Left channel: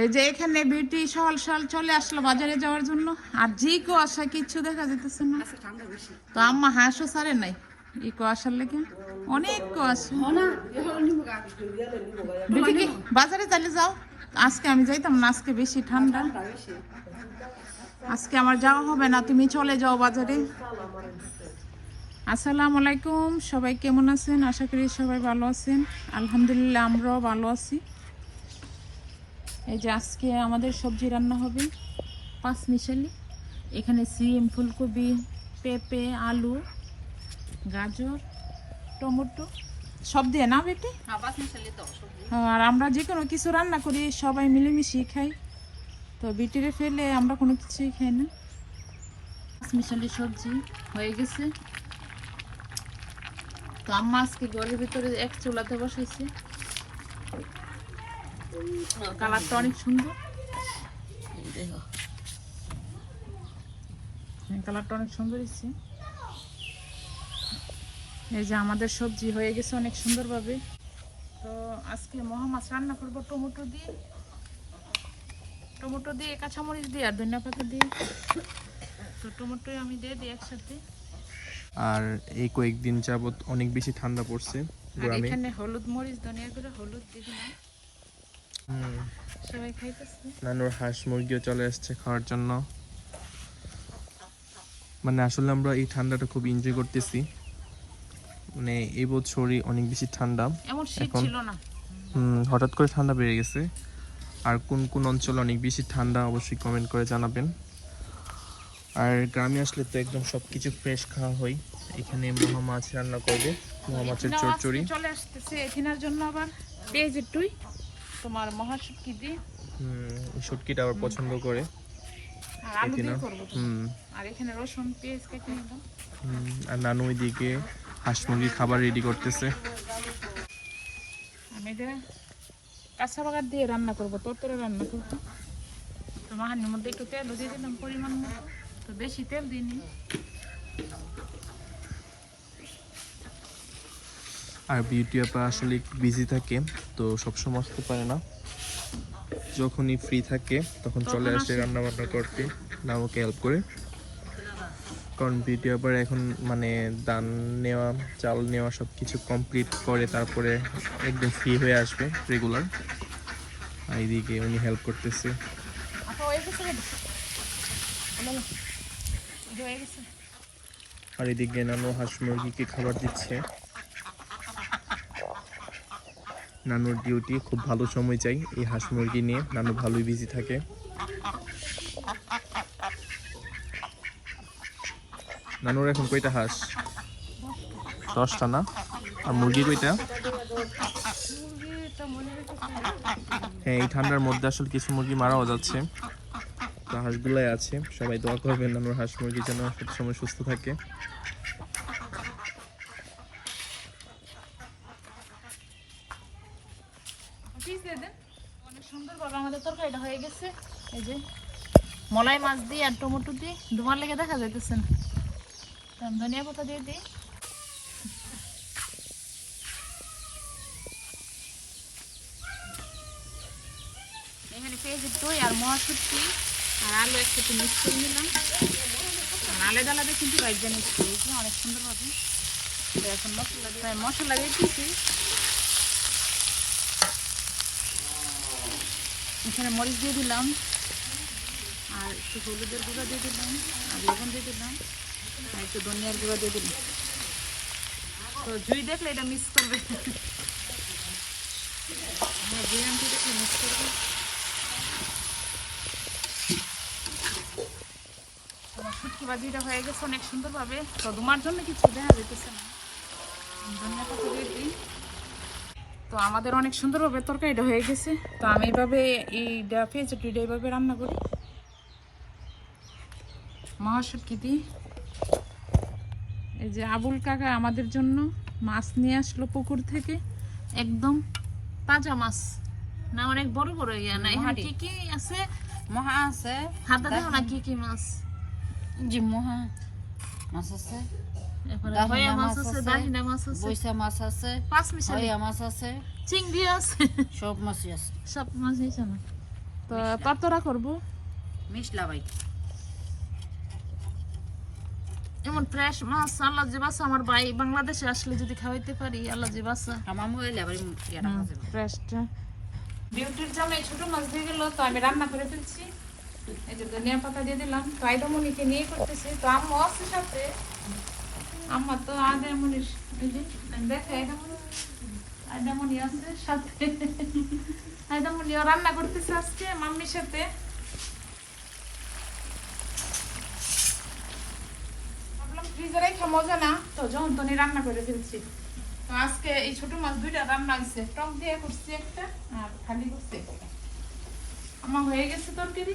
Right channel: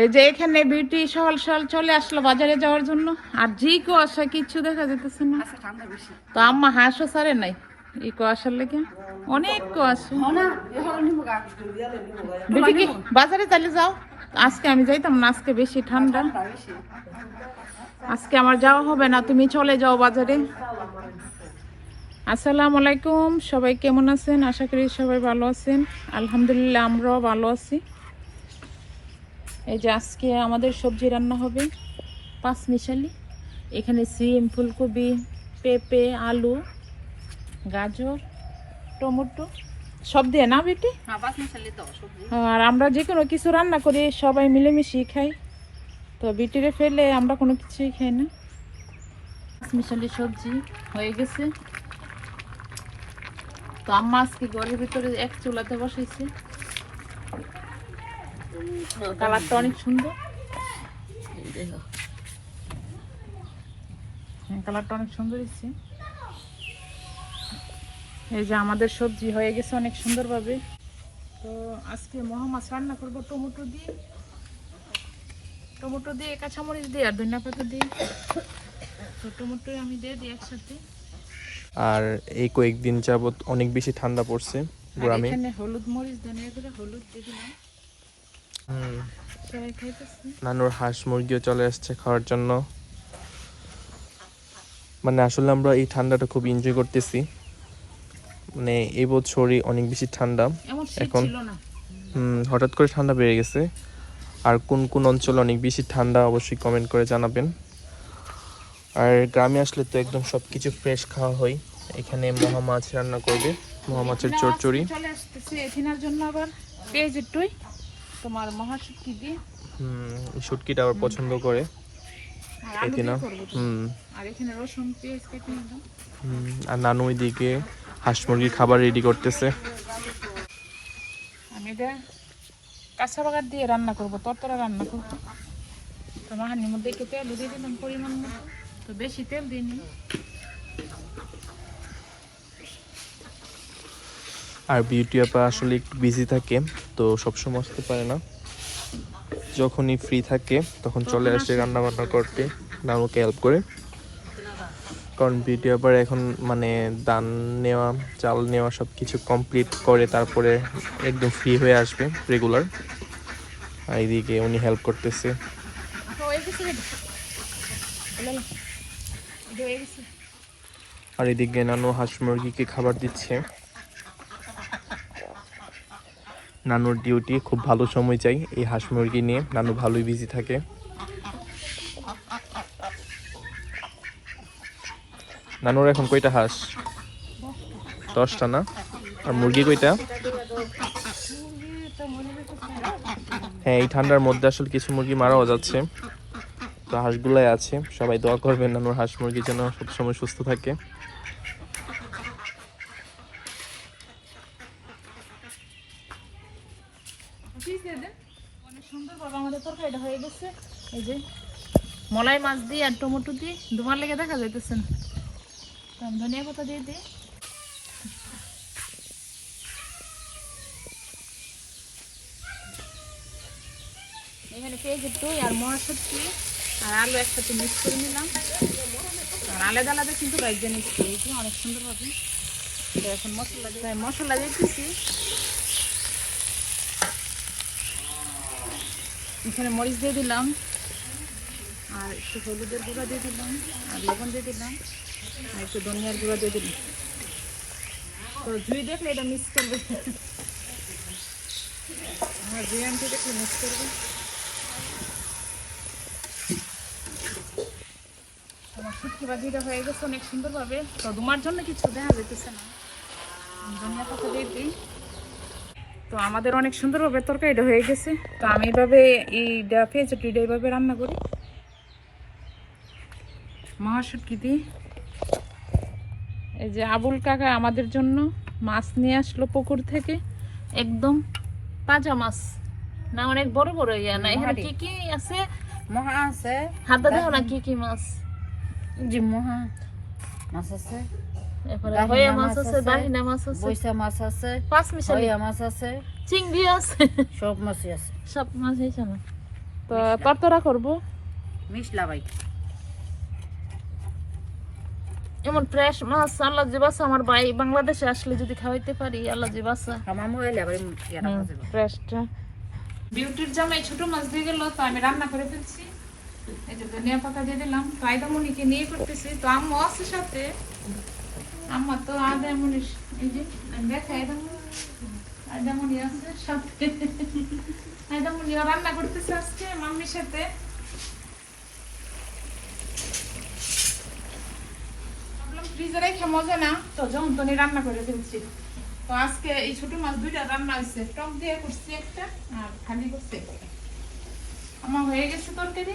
এই যে এখানে বিউটি সহল সহল চলে আসলো বাজারে যাওয়ার জন্য। আর জি কুয়াশা কিচ্ছু দেখা যেতেছে না। তো আম্মা হাঁসও সারে নাই। এই কুয়াশার লেগে। অনেক কুয়াশা বিউটি বাজারে চালে যাও। আজকে আমি যাইতাম না আজকে বেশি ঠান্ডা। আজকে আমার যাওয়া হবে না তুমি চলে যাও বাজারে। আসসালামু আলাইকুম সবাই কেমন আছেন? আশা করি সবাই ভালো আছেন। আলহামদুলিল্লাহ আমরাও ভালো আছি। এই যে আজকে আমাদের সবজি রান্না হবে পাঁচ মিশালি। এখানে সিম ফুলকপি পেঁপে আলু গাজর টমেটো সব দিয়ে না বেটি? আর আমরা যে কোনো কিছু রান্না করি সবাই মিলেমিশি খাই। তো বিটিরে ফেলে আমরা কোনো কিছুই খাই না। পাঁচ মিশালি সবজি হয়ে গেছে। তো আম্মা আজকে ঘরের ভিতরে এক চুলাতে বসাইছে। কালারটা অনেক সুন্দর। হ্যাঁ, কালারটা অনেক সুন্দর এই যে আমাদের সবজি হয়ে গেছে অনেক সুন্দরভাবে। তো আজকে মহা মাছ রান্না করব টমেটো দিয়ে। টমেটো দিয়ে কাঁচামরিচ দিয়ে আর ধনিয়া পাতা দিয়ে। তো টমেটোই আমি দিয়ে দিই একসাথে। আর এই কয়েকদিন যাবত অনেক বেশি ঠান্ডা পড়ছে এখানে হলুদ মরিচ ধনিয়া করে হলুদ দিয়ে দিলাম। নানুর হাঁস মুরগিও চলে আসছে খাওয়ার জন্য। মানে আসলে আমরা এই ঠান্ডাটা খুব এনজয় করতেছি। মানে এই বছরই অনেক বেশি ঠান্ডা। এখন- হঠাৎ করে ঠান্ডা বেড়ে গেছে। আর কোন কোন অঞ্চলে অনেক বেশি ঠান্ডা অবশ্যই কমেন্ট করে জানাবেন। আর গ্রামে আসলে তো একদম সব কিছু ফ্রেশ খাওয়া হয়। এখানে মহা মাছ রান্না করবে মহা মাছের চচ্চড়ি চলে আসতেছে এখানের জন্য আবার পেঁয়াজ তোমার মহাশুটকি দিয়ে? হুম এই শুটকিটা আবার পছন্দ করে। আর আলু না দিয়ে করব তো। হুম। আর এখানে রসুন পেঁয়াজ কেটে নিলাম হুম, আর নানু ওইদিকে হাঁস মুরগির খাবার রেডি করতেছে। আমি এটা কাঁচা বাগার দিয়ে রান্না করব তরতরা রান্না করব। তো মাহানির মধ্যে একটু তেল দিয়ে দিলাম পরিমাণ মতো। তো বেশি তেল দিইনি। আর বিউটি আপা আসলে একটু বিজি থাকে তো সবসময় আসতে পারে না। যখনই ফ্রি থাকে তখন চলে আসে। রান্না বান্না করতে নানুকে হেল্প করে। কারণ বিউটি আবার এখন মানে দান নেওয়া চাল নেওয়া সব কিছু কমপ্লিট করে তারপরে একদম ফ্রি হয়ে আসবে রেগুলার আর এইদিকে উনি হেল্প করতেছে। না। আর এদিকে নানু হাঁস মুরগিকে খাবার দিচ্ছে। নানুর ডিউটি খুব ভালো সময় চাই এই হাঁস মুরগি নিয়ে। নানু ভালোই বিজি থাকে। নানুর এখন কয়টা হাঁস? দশটা না? আর মুরগি কয়টা? হ্যাঁ এই ঠান্ডার মধ্যে আসলে কিছু মুরগি মারাও যাচ্ছে। তো হাঁসগুলাই আছে। সবাই দোয়া করবেন নানুর হাঁস মুরগির জন্য সবসময় সুস্থ থাকে। মলাই মাছ দিয়ে আর টমেটো দিয়ে ধোঁয়ার লেগে দেখা যাইতেছে না তো আমি ধনিয়া পাতা দিয়ে দিই এখানে পেঁয়াজের দই আর মহাশুটকি আর আলু একসাথে মিক্স করে নিলাম আর আলাদা আলাদা কিন্তু নিচ্ছি এই অনেক সুন্দরভাবে এখন মশলা দিয়ে মশলা দিয়ে দিচ্ছি এখানে মরিচ দিয়ে দিলাম, আর একটু হলুদের গুঁড়া দিয়ে দিলাম, আর লবণ দিয়ে দিলাম, আর একটু ধনিয়ার গুঁড়া দিয়ে দিলাম। তো জুই দেখলে এটা মিক্স করবে। আমার বিরিয়ানি দেখলে মিক্স করবে। হয়ে গেছে অনেক সুন্দরভাবে। তো তোমার জন্য কিছু দেখা যেতেছে না। ধনিয়া পাতা দিয়ে দিই। তো আমাদের অনেক সুন্দরভাবে তরকারিটা হয়ে গেছে। তো আমি এইভাবে এইটা পেঁয়াজটা এইভাবে রান্না করি। মহাশুটকি দিয়ে। এই যে আবুল কাকা আমাদের জন্য মাছ নিয়ে আসলো পুকুর থেকে। একদম তাজা মাছ। না অনেক বড় বড় ইয়া না এখানে কি কি আছে? মহা আছে। হাতে দেখো না কি কি মাছ। জি মহা মাছ আছে। হয়া মাছ আছে আছে, দাহিনা মাছ আছে বৈশা মাছ আছে পাঁচ মিশালি। মাছ আছে চিংড়ি আছে। সব মাছই আছে। সব মাছ হয়েছে না। তো তরতরা করব। মিশলা এমন ফ্রেশ মাছ আল্লাহ যে বাসা আমার ভাই বাংলাদেশে আসলে যদি খাওয়াইতে পারি আল্লাহ যে বাসা। আমামু এলে আবার ফ্রেশটা বিউটির জামাই ছোট মাছ দিয়ে গেল তো আমি রান্না করে ফেলছি। এই যে ধনিয়া পাতা দিয়ে দিলাম। তো আইদামনিকে নিয়ে করতেছি। তো আম্মু আছে সাথে। আম্মা তো এই যে দেখে আইদামনি আছে সাথে। আইদামনি রান্না করতেছে আজকে মাম্মির সাথে। না। তো যখন রান্না করে ফেলছি। তো আজকে এই ছোট মাছ দুইটা রান্না হয়েছে। টক দিয়ে করছি একটা আর খালি করছি। আমার হয়ে গেছে তরকারি।